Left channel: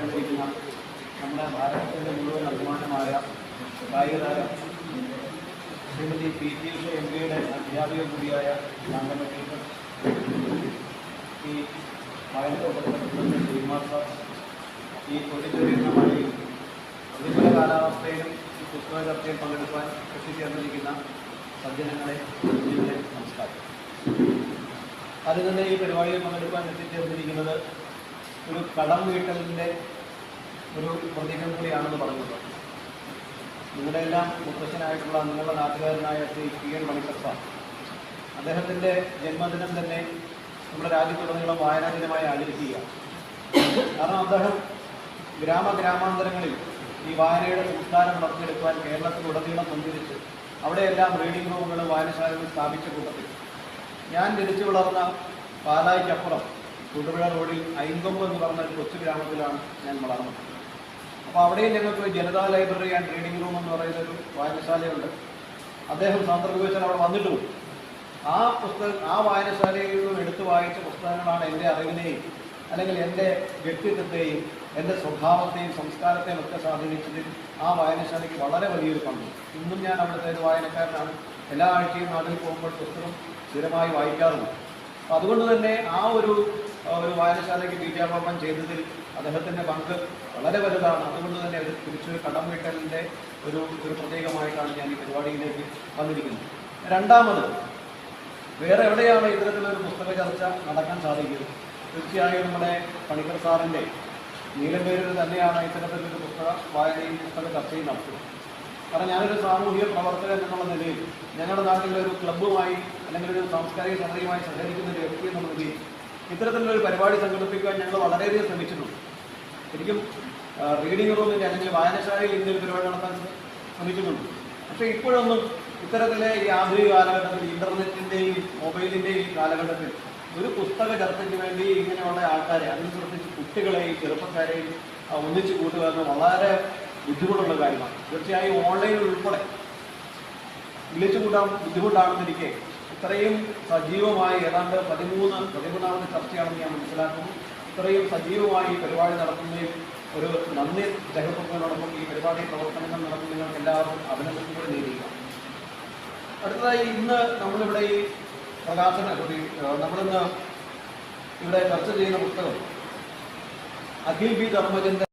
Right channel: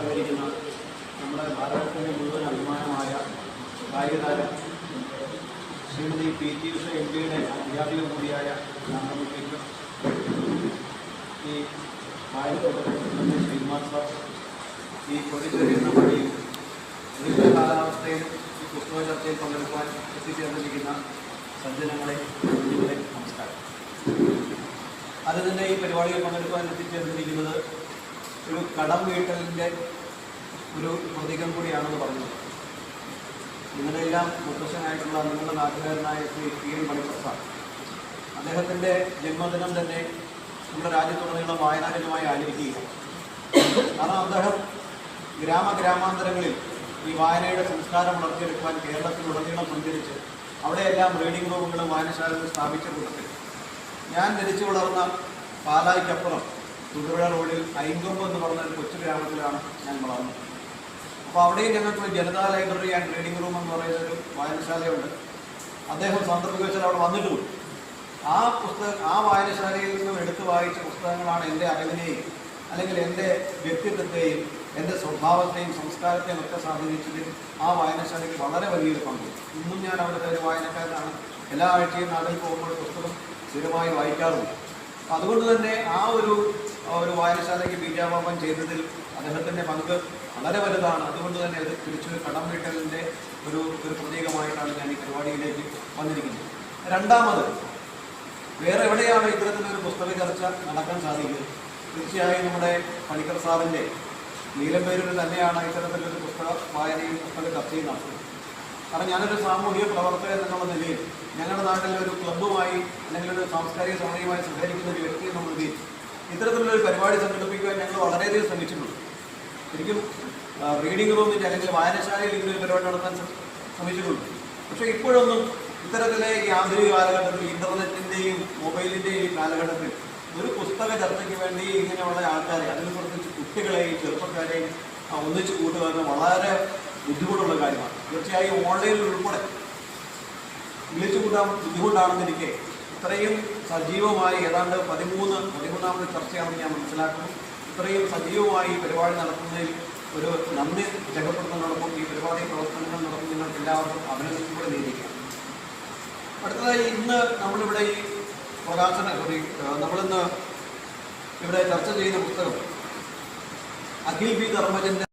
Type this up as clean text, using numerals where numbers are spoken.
അലങ്കരിക്കുന്ന നമ്മുടെ ഭാരതത്തിൻ്റെ മുഴുവൻ അഭിമാനമായ കായികതാര ശ്രീമതി PT ഉഷ MPയുടെ അധ്യാപിക കൂടിയായ നാമത്തിൽ ഈ വായനത്തോടൊപ്പം ശ്രീകുമാർ സാർ ഈ കൊണ്ടിച്ചേരുന്ന വഴിയും പ്രതികൂല കാലാവസ്ഥയിലും ഈ പുസ്തക ചർച്ചയിൽ പങ്കെടുക്കാൻ എത്തിച്ചേർന്നിരിക്കുന്ന സജ്ജനങ്ങളെ നമസ്കാരം. അത് തന്നെ ഈ പരിപാടിയിൽ പങ്കെടുക്കാൻ എത്തിച്ചേർന്നിരിക്കുന്നത് ഒരു കടം വീട്ടലിൻ്റെ ഒരു പ്രതീകം കൂടിയാണെന്ന് പറയുന്നത്. നിങ്ങളുടെ എല്ലാം മുത്തശ്ശനായിട്ടുള്ള നിങ്ങളുടെ നാട്ടുകാരനായ ശ്രീ PN മണിക്കർ സാർ, അദ്ദേഹത്തിൻ്റെ ജന്മദിനം തന്നെ നമ്മുടെ രാജ്യത്തുടനീളം വായനാ ദിനമായി ആചരിക്കുക. കാരണം അദ്ദേഹം ഗ്രാമാന്തരങ്ങളിൽ ഈ വായനയുടെ സംസ്കാരം വളർത്തിയെടുക്കുവാൻ കേരളത്തിലുടനീളം സഞ്ചരിച്ച് അവിടെയെല്ലാം റീഡിംഗ് റൂമുകളും വായനശാലകളും സ്ഥാപിച്ച കൂട്ടത്തിൽ ഞാൻ ജനിച്ചു വളർന്ന പാലായ്ക്കപ്പുറം തൊടുപുഴ റോഡിൽ ഐങ്കൊമ്പ് എന്ന് പറഞ്ഞ ഒരു കൊച്ചു ഗ്രാമത്തിലാണ് ഞാൻ വളർന്നത്. അപ്പോൾ അവിടെയും ഞങ്ങൾക്കൊരു Janata library and reading room എന്ന് പറയുന്നൊരു വായനശാലയുണ്ട്. അദ്ദേഹം സാന്ദർഭികവശാൽ അവിടെ വന്നിട്ടും ആ വായനശാലയിൽ നിന്നും എടുത്തു വായിച്ച പുസ്തകങ്ങളാണ് എൻ്റെ അറിവിനെയും അല്ലെങ്കിൽ എൻ്റെ വ്യക്തിത്വത്തെയും എൻ്റെ സ്വഭാവത്തെയും സംസ്കാരത്തെയും ഒക്കെ സ്വാധീനിച്ചതിൽ ആ വായനശാലയ്ക്ക് വളരെ വലിയൊരു പങ്ക്. ഇന്നും ഞാൻ അവിടുത്തെ ഒരു വായനക്കാരനാണ്. എല്ലാ ആഴ്ചയും നാട്ടിൽ പോകുമ്പോൾ പുസ്തകം സ്ഥിരമായി വായിക്കാറുണ്ട്. അപ്പം അതുകൊണ്ട് തന്നെ ആ ഒരു വായനശാലയ്ക്ക് ബീജാപാപം ചെയ്തതിൽ അദ്ദേഹത്തിൻ്റെ പങ്ക് വളരെ വലുതാണ്. അതുകൊണ്ട് തന്നെ ഒരു തിരിച്ചൊരു കടം വീട്ടലിൻ്റെ ഒരു പ്രതീകമായിട്ടാണ് ഞാൻ ഈ പരിപാടിയിലേക്ക് വന്നിരിക്കുന്നത്. രണ്ടാമത്, വേറെ എവിടെയാണ് ഇത്തരത്തിലൊരു പുസ്തക ചർച്ച നടക്കാൻ സാധിക്കുന്നത്? തീർച്ചയായും നമ്മുടെ പണിക്കർ സാറിൻ്റെ നീലമ്പേരിൽ തന്നെയാണ് ഇത്തരത്തിലൊരു പുസ്തക വായനയും പുസ്തക ചർച്ചയും നടത്തുന്നത്. കാരണം ഞാനൊരു സാമൂഹിക പ്രവർത്തകൻ എന്നുള്ള നിലയിൽ ഞങ്ങളുടെ നാട്ടിലൊരു ക്ലബ്ബുമായി അല്ലെങ്കിൽ ഒരു സാംസ്കാരിക സമിതിയുമായി സഹകരിക്കുന്ന ഒരു വ്യക്തി എന്ന നിലയിൽ ഇത്തരത്തിലുള്ളൊരു പരിപാടി സംഘടിപ്പിക്കുവാൻ ഞങ്ങൾ വളരെയധികം ശ്രമിച്ചിട്ടുണ്ട്. ശരിക്കും റീഡിംഗ് റൂമിൻ്റെ അല്ലെങ്കിൽ വായനശാലയിൽ ഇങ്ങനൊരു പരിപാടി നടത്താൻ ശ്രമിച്ചിട്ടുണ്ട്. പക്ഷേ ഇപ്പോഴൊന്നും ഇത്തരത്തിലെ ഈ ആധുനിക കാലഘട്ടത്തിൽ ഇൻ്റർനെറ്റിൻ്റെയും മൊബൈലിൻ്റെയും ഈ കാലഘട്ടത്തിൽ ഒരു പുസ്തക ചർച്ചയ്ക്ക് വേണ്ടി ഇങ്ങനെയുള്ള ആൾക്കാരെ, അതിനെ കുറിച്ച് കുട്ടികളെയും ചെറുപ്പക്കാരെയും ഒന്നിച്ചു കൂട്ടുക എന്ന് വളരെ ബുദ്ധിമുട്ടുള്ള കാര്യമാണ്. തീർച്ചയായും ഓൺലൈനിൽ ഉൾപ്പെടെ വിളിച്ചു കൂട്ടാൻ ബുദ്ധിമുട്ടാണെന്നിരിക്കെ ഇത്രയും സജീവമായി ഏതാണ്ട് 13ാമത് ചർച്ചയാണെന്ന് ഞാൻ മനസ്സിലാക്കുന്നു. ഇത്രയും സജീവമായി പരിപാടി നടത്തുന്നതിൽ ഒരു നന്ദി രേഖപ്പെടുത്തുന്നതോടൊപ്പം ഈ പരിപാടി പ്രവർത്തനങ്ങൾ നടത്തുന്ന നിങ്ങൾക്ക് എല്ലാവർക്കും അഭിനന്ദനം കൂടി നേരിക്കാം. അടുത്തതായി ഇന്ന് നമ്മളിവിടെ ഈ നമ്മളിന്ന് ഇവിടെ ചർച്ച ചെയ്യുന്ന പുസ്തകം അഖിൽ B. ധർമ്മജൻ്റെ